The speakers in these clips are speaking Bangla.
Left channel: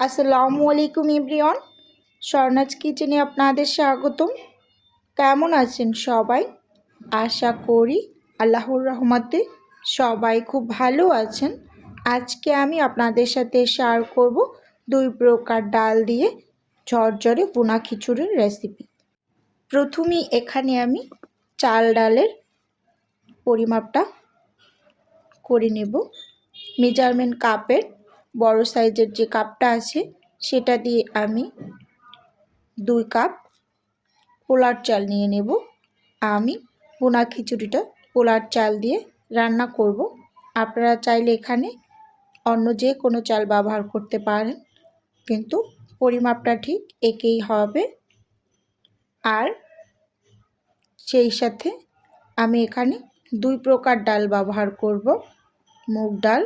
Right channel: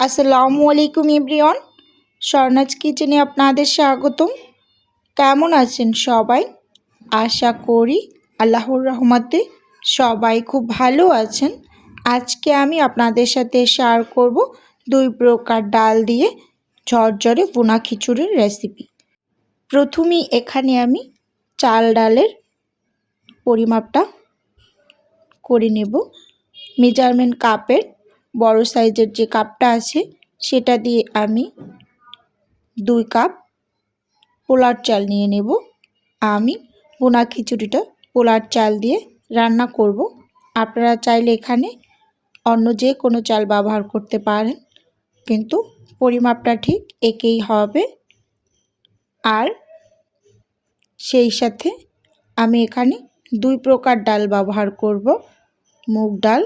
আসসালামু আলাইকুম ইব্রিয়ন স্বর্ণাজ কিচেনে আপনাদের স্বাগতম। কেমন আছেন সবাই? আশা করি আল্লাহর রহমতে সবাই খুব ভালো আছেন। আজকে আমি আপনাদের সাথে শেয়ার করব দুই প্রকার ডাল দিয়ে ঝরঝরে বোনা খিচুড়ির রেসিপি প্রথমেই এখানে আমি চাল ডালের পরিমাপটা করে নেব। মেজারমেন্ট কাপের বড় সাইজের যে কাপটা আছে, সেটা দিয়ে আমি দুই কাপ পোলার চাল নিয়ে নেব। আমি বোনা খিচুড়িটা পোলার চাল দিয়ে রান্না করব। আপনারা চাইলে এখানে অন্য যে কোনো চাল ব্যবহার করতে পারেন, কিন্তু পরিমাপটা ঠিক একেই হবে। আর সেই সাথে আমি এখানে দুই প্রকার ডাল ব্যবহার করব, মুগ ডাল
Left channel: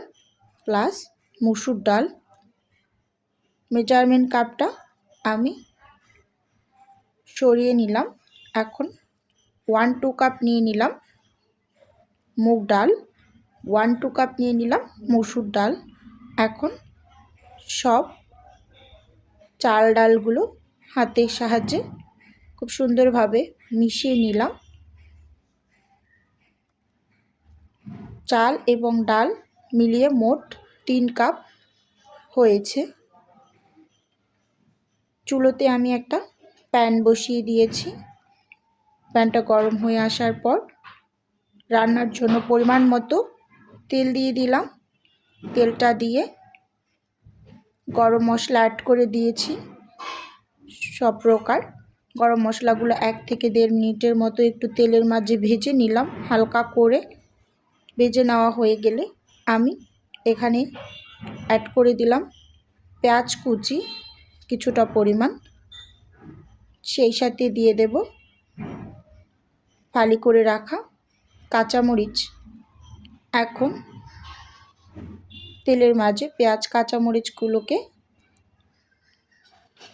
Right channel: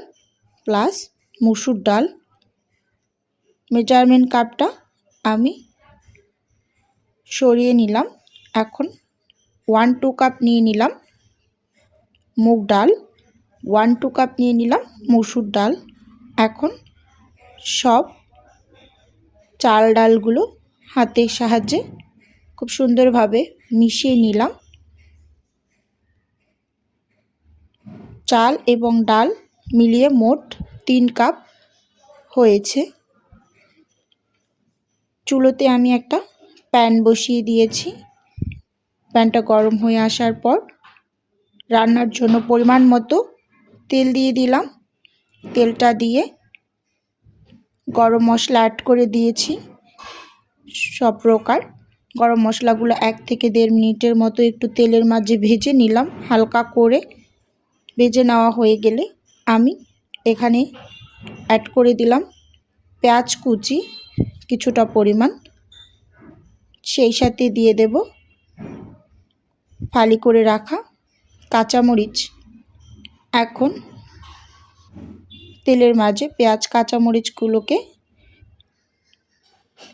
প্লাস মুসুর ডাল, মেজারমেন্ট কাপটা আমি সরিয়ে নিলাম। এখন ওয়ান টু কাপ নিয়ে নিলাম মুগ ডাল ওয়ান টু কাপ নিয়ে নিলাম মুসুর ডাল। এখন সব চাল ডালগুলো হাতের সাহায্যে খুব সুন্দরভাবে মিশিয়ে নিলাম। চাল এবং ডাল মিলিয়ে মোট তিন কাপ হয়েছে। চুলোতে আমি একটা প্যান বসিয়ে দিয়েছি। প্যানটা গরম হয়ে আসার পর রান্নার জন্য পরিমাণ মতো তেল দিয়ে দিলাম। তেলটা দিয়ে গরম মশলা অ্যাড করে দিয়েছি। সব প্রকার গরম মশলাগুলো এক থেকে দেড় মিনিটের মতো একটু তেলের মাঝে ভেজে নিলাম। হালকা করে ভেজে নেওয়া হয়ে গেলে আমি এখানে অ্যাড করে দিলাম পেঁয়াজ কুচি কিছুটা পরিমাণ। সেই সাথে দিয়ে দেব ফালি করে রাখা কাঁচামরিচ। এখন তেলের মাঝে পেঁয়াজ, কাঁচামরিচগুলোকে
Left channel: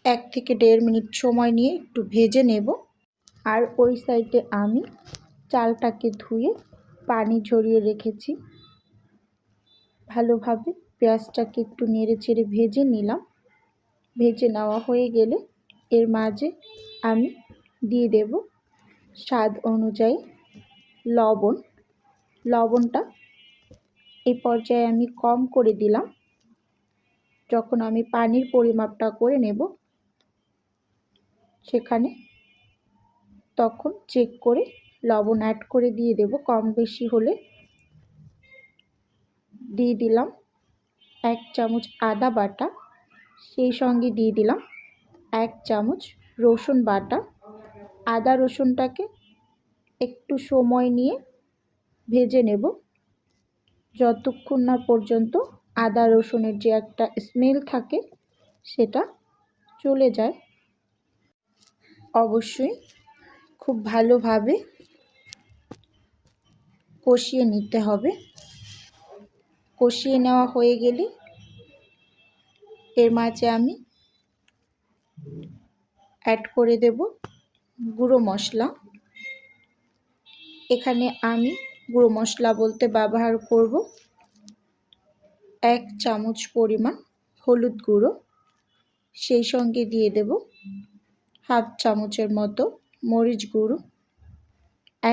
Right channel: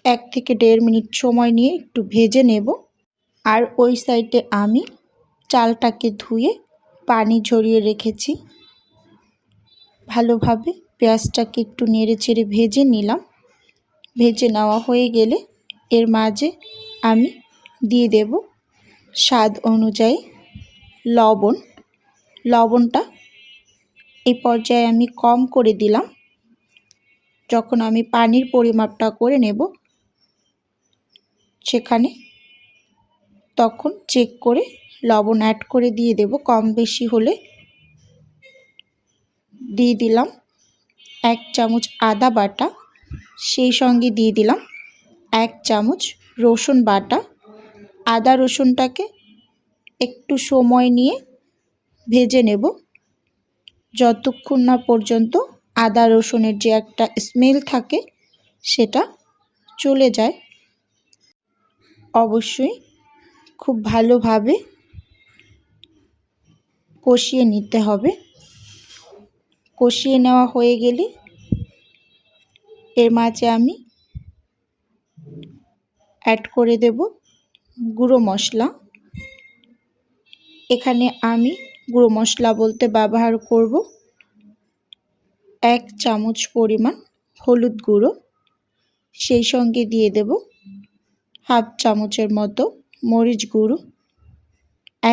এক থেকে দেড় মিনিট সময় নিয়ে একটু ভেজে নেব। আর ওই সাইডে আমি চালটাকে ধুয়ে পানি ঝরিয়ে রেখেছি। ভালোভাবে পেঁয়াজটাকে একটু নেড়ে চেড়ে ভেজে নিলাম। ভেজে নেওয়া হয়ে গেলে এর মাঝে আমি দিয়ে দেব স্বাদ অনুযায়ী লবণ। লবণটা এই পর্যায়ে আমি কম করে দিলাম। যখন আমি পানির পরিমাপটা করে নেব, সেখানে তখন চেক করে লবণ অ্যাড করে দিয়ে দেব। কম বেশি হলে দিয়ে দিলাম এক চামচ আদা বাটা, সেই সঙ্গে দিয়ে দিলাম এক চামচ রসুন বাটা। আদা রসুনটাকে একটু সময় নিয়ে ভেজে নেব। যতক্ষণ না পর্যন্ত আদা রসুনের যে একটা স্মেল থাকে সেটা চলে যায়। অবশ্যই খুব ভালোভাবে কষিয়ে নিতে হবে। কষিয়ে নেওয়া হয়ে গেলে এর মাঝে আমি অ্যাড করে দেব গুঁড়ো মশলা। এখানে আমি গুঁড়ো মশলা বলতে ব্যবহার করব এক চামচ পরিমাণ হলুদ গুঁড়ো, সেই সঙ্গে দিয়ে দেব হাফ চামচের মতো মরিচ গুঁড়ো,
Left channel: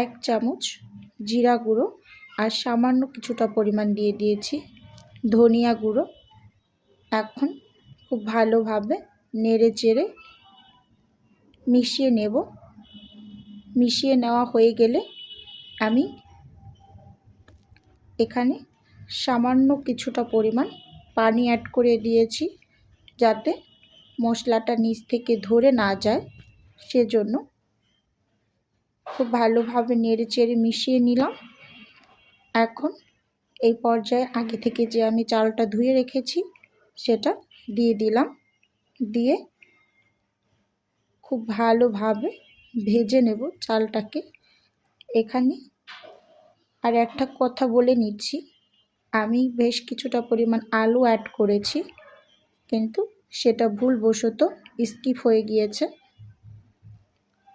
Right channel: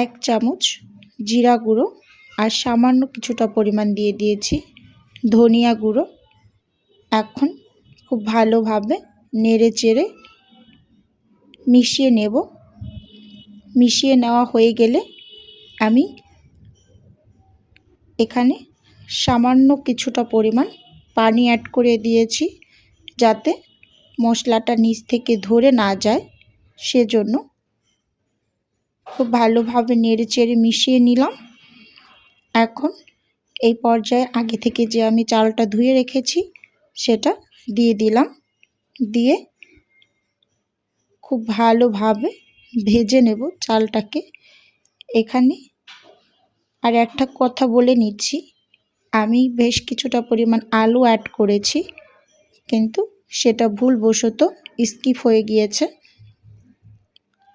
এক চামচ জিরা গুঁড়ো আর সামান্য কিছুটা পরিমাণ দিয়ে দিয়েছি ধনিয়া গুঁড়ো। এখন খুব ভালোভাবে নেড়ে চেড়ে মিশিয়ে নেব। মিশিয়ে নেওয়া হয়ে গেলে আমি এখানে সামান্য কিছুটা পরিমাণ পানি অ্যাড করে দিয়েছি যাতে মশলাটা নিচ থেকে ধরে না যায়। সেজন্য খুব ভালোভাবে নেড়ে চেড়ে মিশিয়ে নিলাম। এখন এই পর্যায়ে আগে থেকে যে আমি চালটা ধুয়ে রেখেছি, সেটা দিয়ে দিলাম। দিয়ে খুব ভালোভাবে ভেজে নেব চালটাকে। এখানে আর একটা কথা বলে নিচ্ছি, আমি বেশ কিছুটা পরিমাণ আলু অ্যাড করেছি, কিন্তু সেটা ভুলবশত স্কিপ হয়ে গিয়েছে।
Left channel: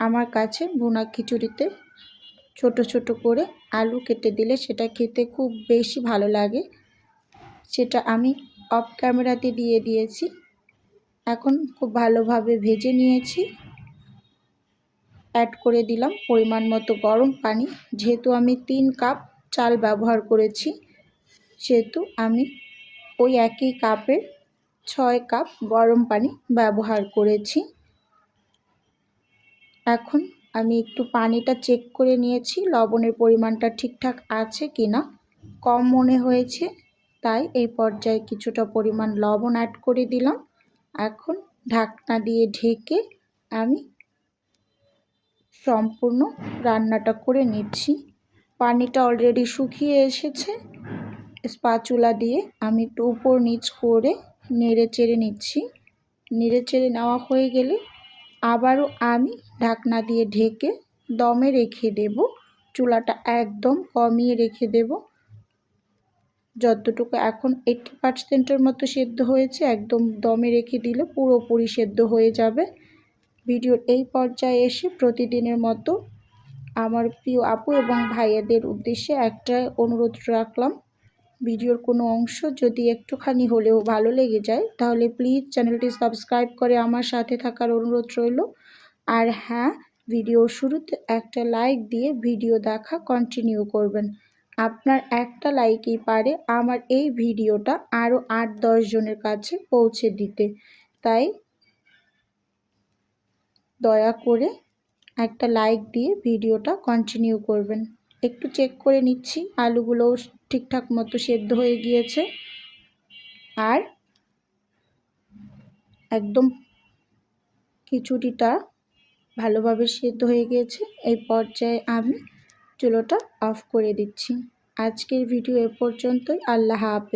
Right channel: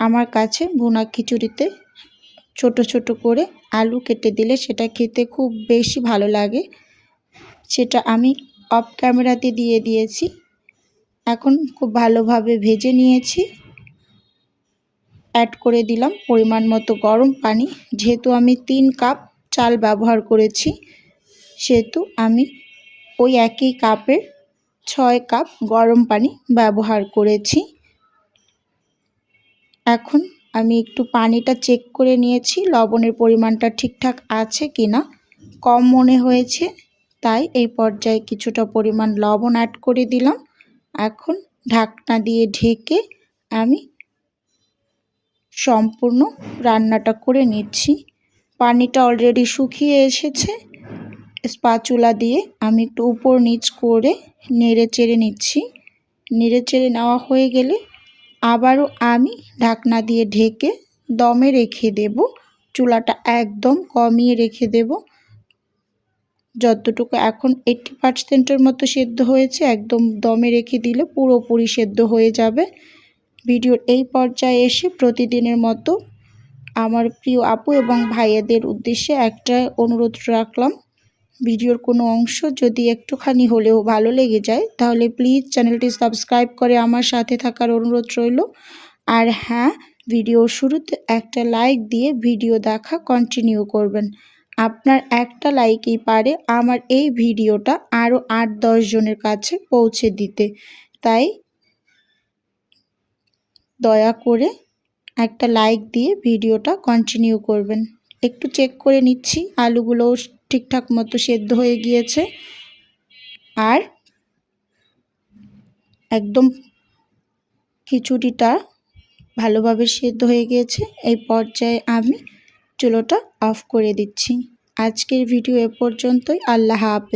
আমার কাছে ভুনা খিচুড়িতে ছোট ছোট করে আলু কেটে দিলে সেটা খেতে খুব বেশি ভালো লাগে। সেটা আমি অফ ক্যামেরাতে দিয়ে দিয়েছি। এখন খুব ভালোভাবে ভেজে নিয়েছি। অ্যাড করে দিলাম পরিমাণ মতো গরম পানি। যেহেতু আমি তিন কাপ চাল ব্যবহার করেছি, সেহেতু আমি ওই একই কাপের ছয় কাপ গরম পানি ব্যবহার করেছি। এখন আমি একটু পানিটা চেক করে নিয়েছি, লবণের পরিমাণটা ঠিকঠাক আছে কি না কম মনে হয়েছে, তাই এই পর্যায়ে কিছুটা পরিমাণ লবণ অ্যাড করে দিলাম। এখন ঢাকনা দিয়ে ঢেকে আমি সম্পূর্ণ রান্নাটা করে নিচ্ছি। পানিটা অলরেডি শুকিয়ে এসেছে। স্পাচুলা দিয়ে আমি একটু উপর নিচ করে নেড়ে চেড়ে নিচ্ছি। নেড়ে চেড়ে নেওয়া হয়ে গেলে আবারও আমি ঢাকনা দিয়ে ঢেকে দমে রেখে দেব। চুলাটা একদম কমিয়ে রেখে দেব। যতটুকু এখন এইটটি পার্সেন্টের মতো সেদ্ধ হয়েছে, একদম দমে রেখে দিলে পুরোপুরি সেদ্ধ হয়ে যাবে। ভিডিওর এই পর্যায়ে এসে প্রতিদিনের মতো আমার প্রিয় আপু এবং ভাইয়াদের উদ্দেশ্যে একটা অনুরোধ রাখলাম। ভিডিওর কোনো অংশ যদি একটুখানি হলেও ভালো লেগে যায়, তাহলে প্লিজ চ্যানেলটি সাবস্ক্রাইব করে আমার সাথে থাকার অনুরোধ রইল। আর হ্যাঁ ভিডিও শুরুতে একটা লাইক দিয়ে ভিডিও দেখা কন্টিনিউ করবেন। আপনার একটা লাইকই পারে আমার এই ভিডিওটা আরও আট দশ জনের কাছে পৌঁছে দিতে। তাই দয়া করে একটা লাইক দিয়ে ভিডিওটা কন্টিনিউ করবেন। একটু চেক করে নিচ্ছি আলুগুলো ঠিকঠাক মতো সেদ্ধ হয়ে গিয়েছে। আর একদম খিচুড়িটা ভালোভাবে সেদ্ধ হয়ে গিয়েছে। এই পর্যায়ে আমি চুলোটা অফ করে দিচ্ছি। আজকের ভিডিও এ পর্যন্তই। আল্লাহ হাফেজ।